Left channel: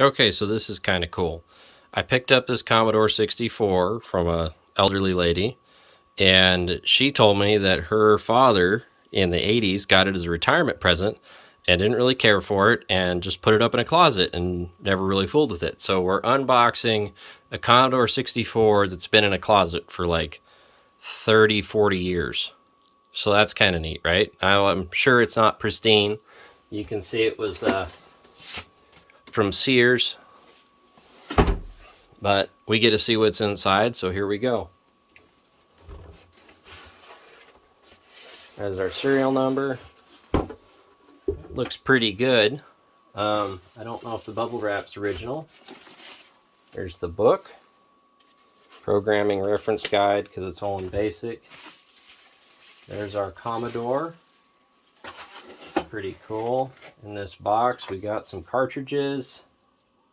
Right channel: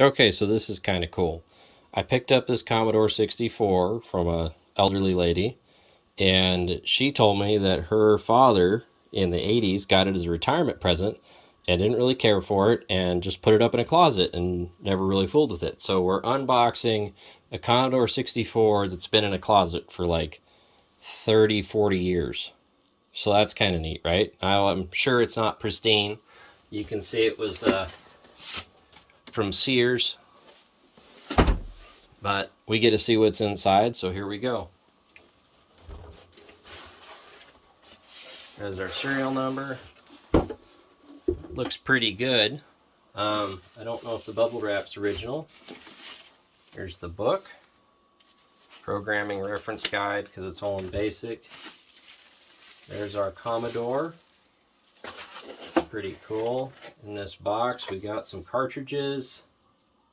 Okay, so this is kind of cool. I picked up this Commodore 64 from a elderly lady, and she told me that her father in the 80s got it as a retirement present and didn't really care for it and just put it up in a closet and never really fooled with it. So we're unboxing a Commodore 64 that's been in a closet for like 30, 40 years. So that's kind of neat, right? I'm sure it's not pristine. You can see it was from Sears, but we get to see what's inside, so here we go. There's our serial number. Looks pretty good. I don't know if the bubble wrap's original. There's the book, programming reference guide because it's all in basic. There's our Commodore. Pretty cool. In this box, we got some cartridges,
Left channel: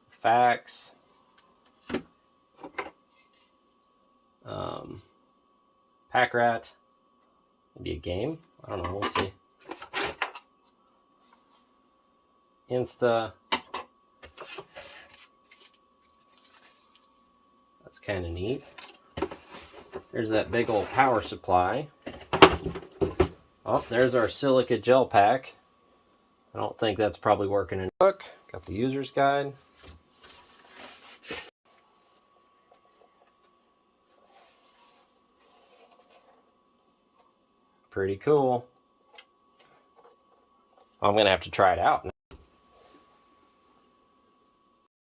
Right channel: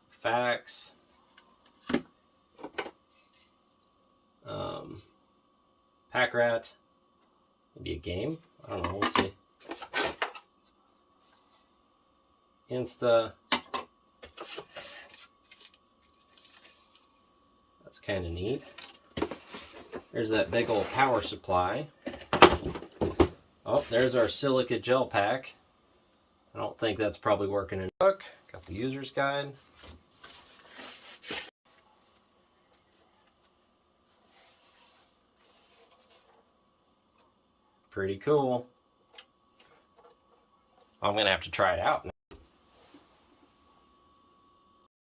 fax, pack rat, maybe a game. I don't know. We'll see. Insta. That's kind of neat. There's that big old power supply. Oh, there's our silica gel pack. I don't think that's probably working in the book. Got the user's guide. Pretty cool. I'm going to have to try it out now.